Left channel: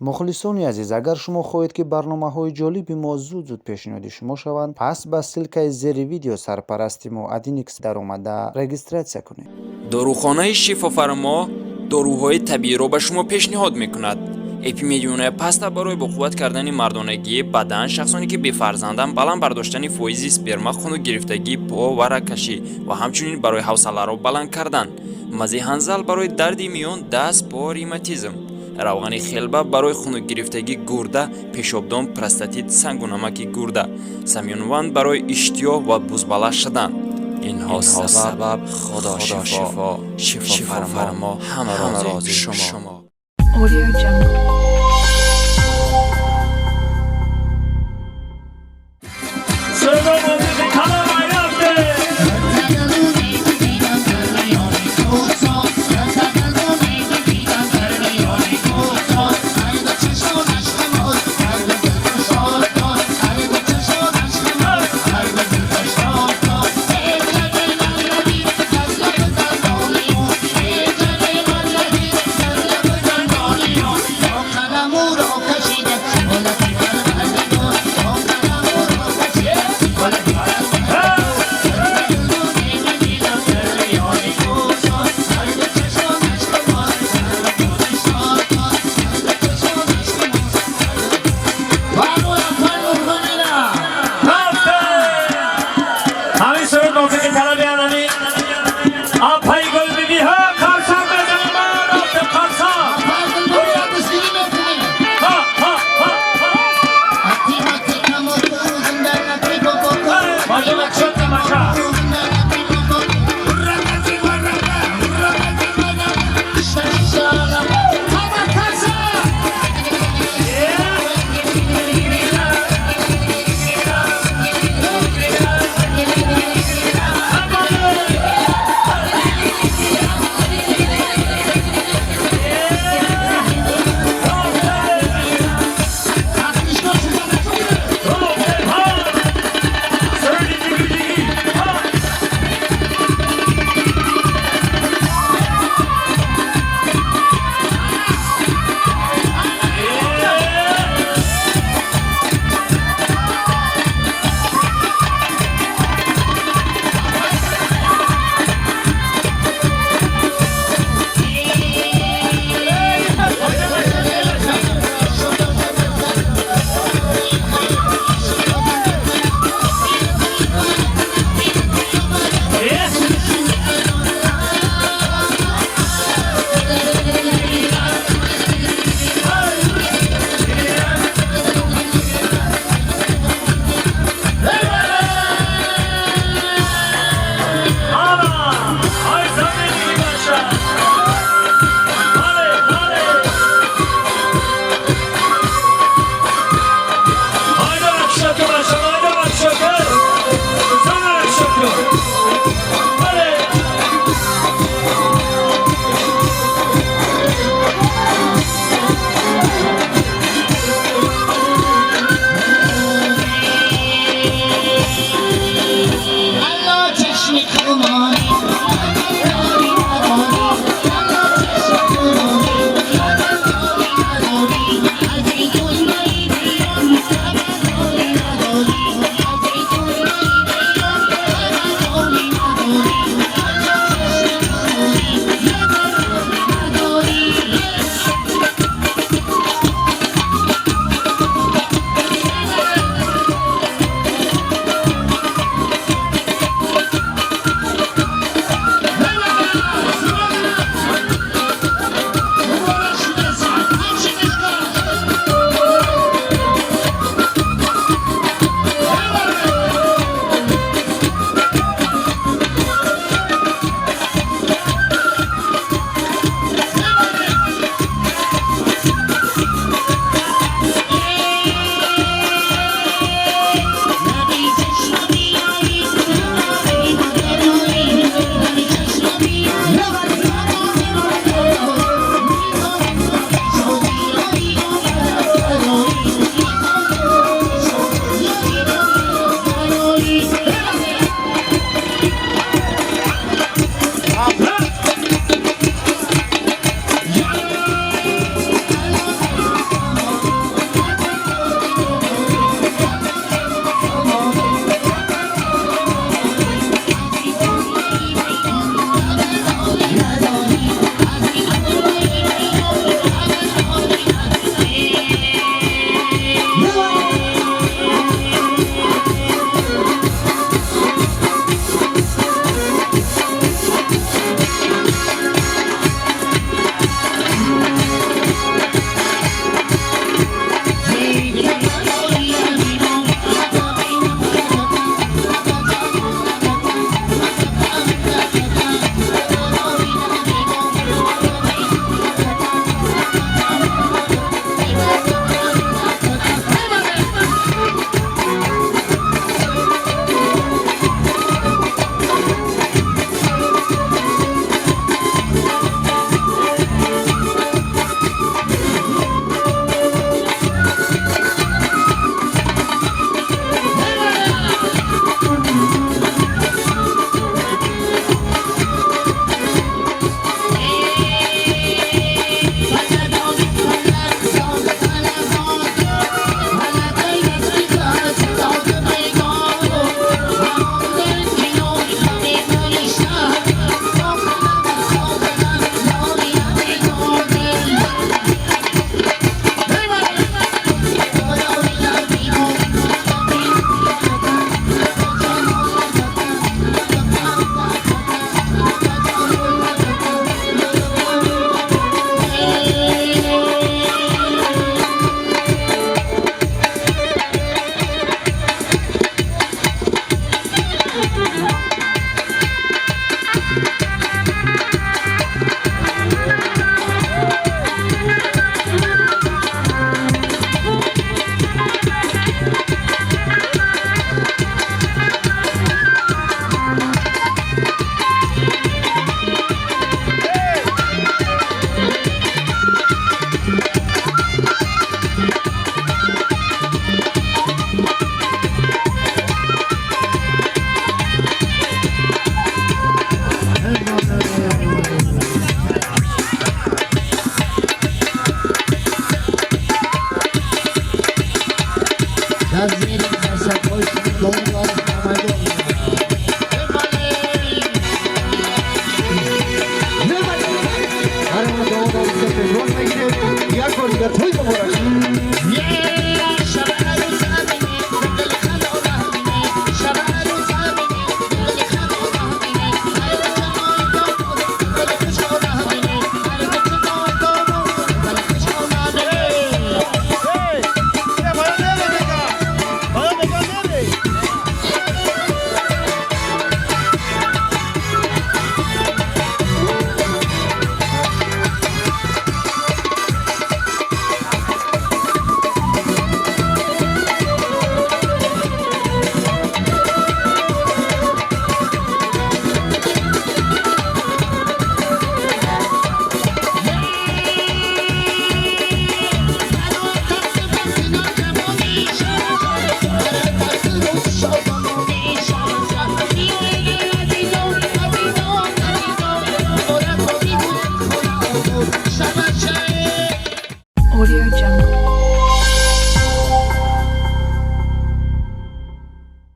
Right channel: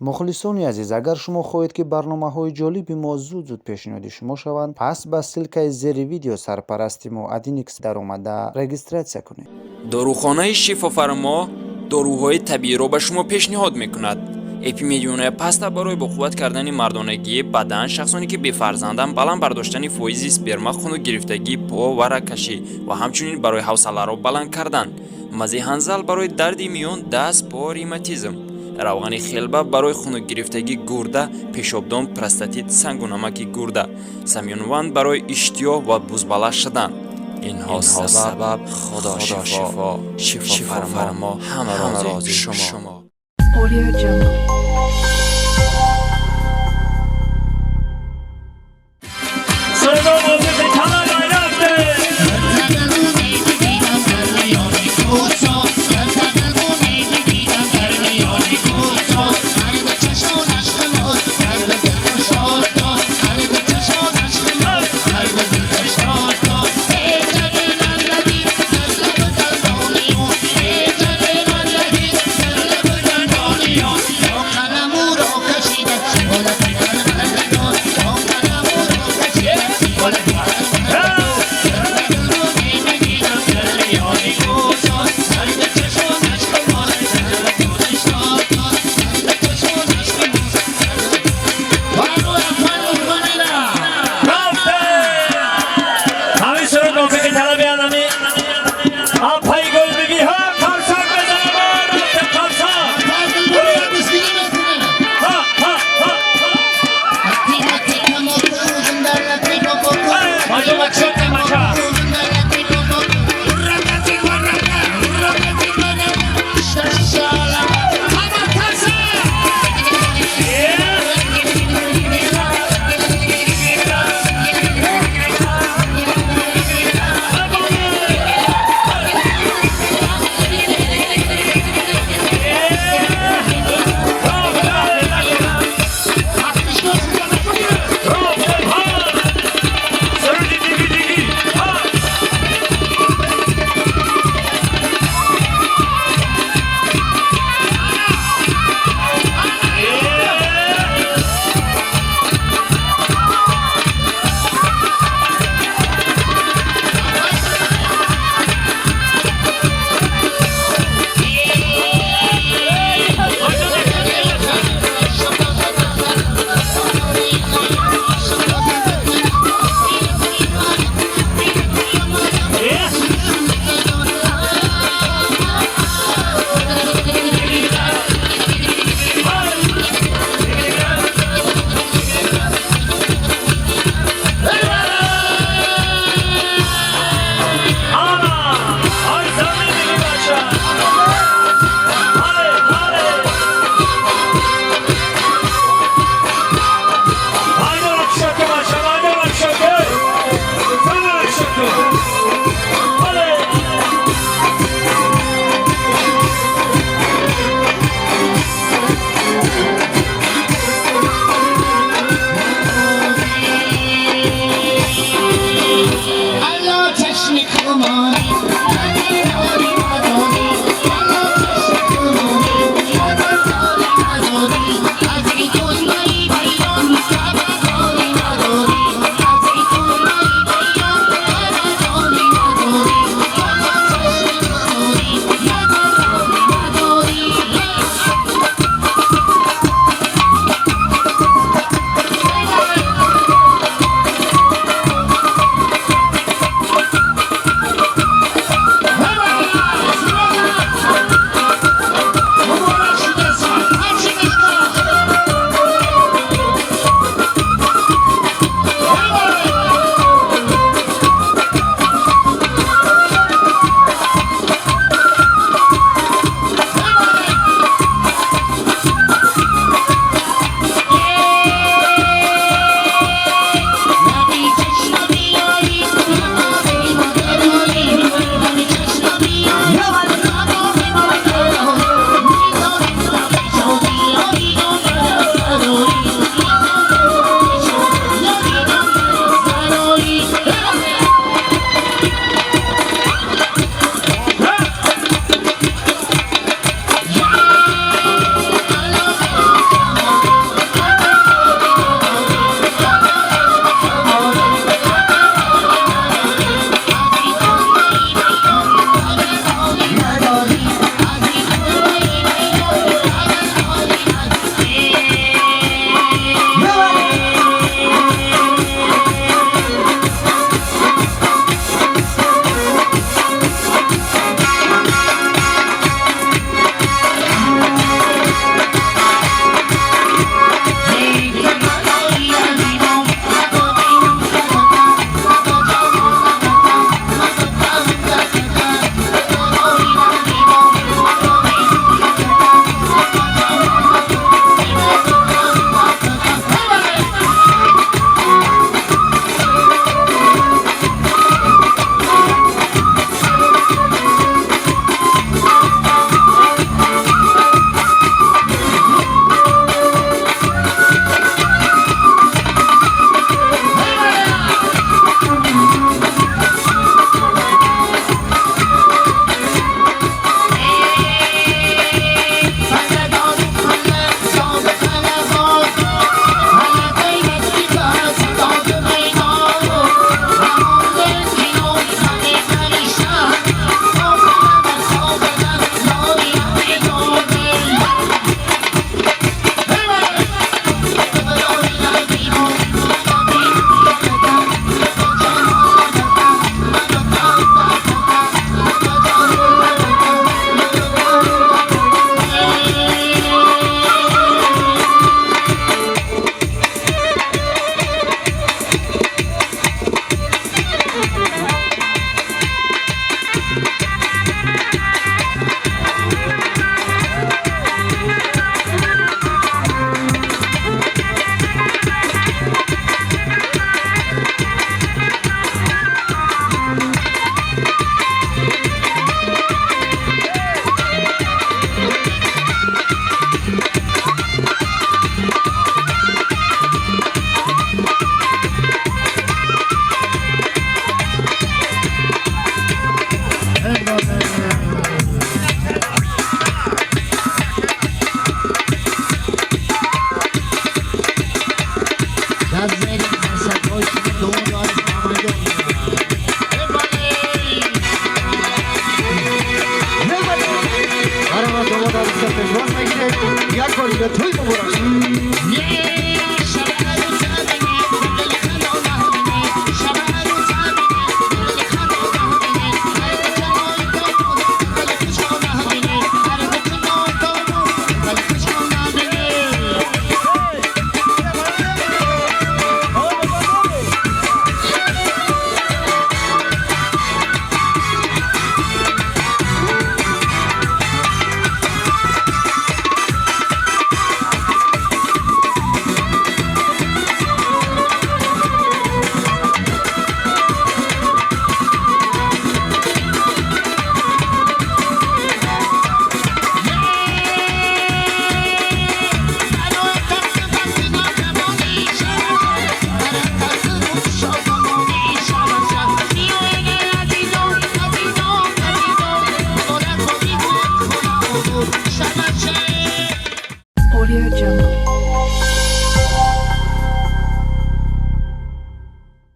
мухлисони азиз, агар шумо хоҳед ки барномаҳои ҷолиби мо зуд пешниҳоди шумо шаванд, пас ба ссилкаи зери видео сарпарасти мо Adinix даромада регистратсия кунед. дорухонаи шифофармо доруҳои табииро ба шумо пешниҳод мекунад. эпимедиония паста барои боқувват кардани мардонагии бадан, шахсоне ки бефарзанданд, баланд бардоштани фоизи сперма, хуну гирифтагии по ва рагкашӣ ва ҳамчунин барои ҳавсаларо баланд кардан, мази ҳанзал барои дарди миён, даст, по, ревматизм, равғани хелба барои хунукгирифтагӣ гурда, пешобдон, простатит, сангу намаки гурда, самёнванд барои иштиёҳ ва бузбала шудан. инҳо сабаб худо шифо, шифофармо ҳамрози шумо. Audio Jungle. Toy mu burası? Niye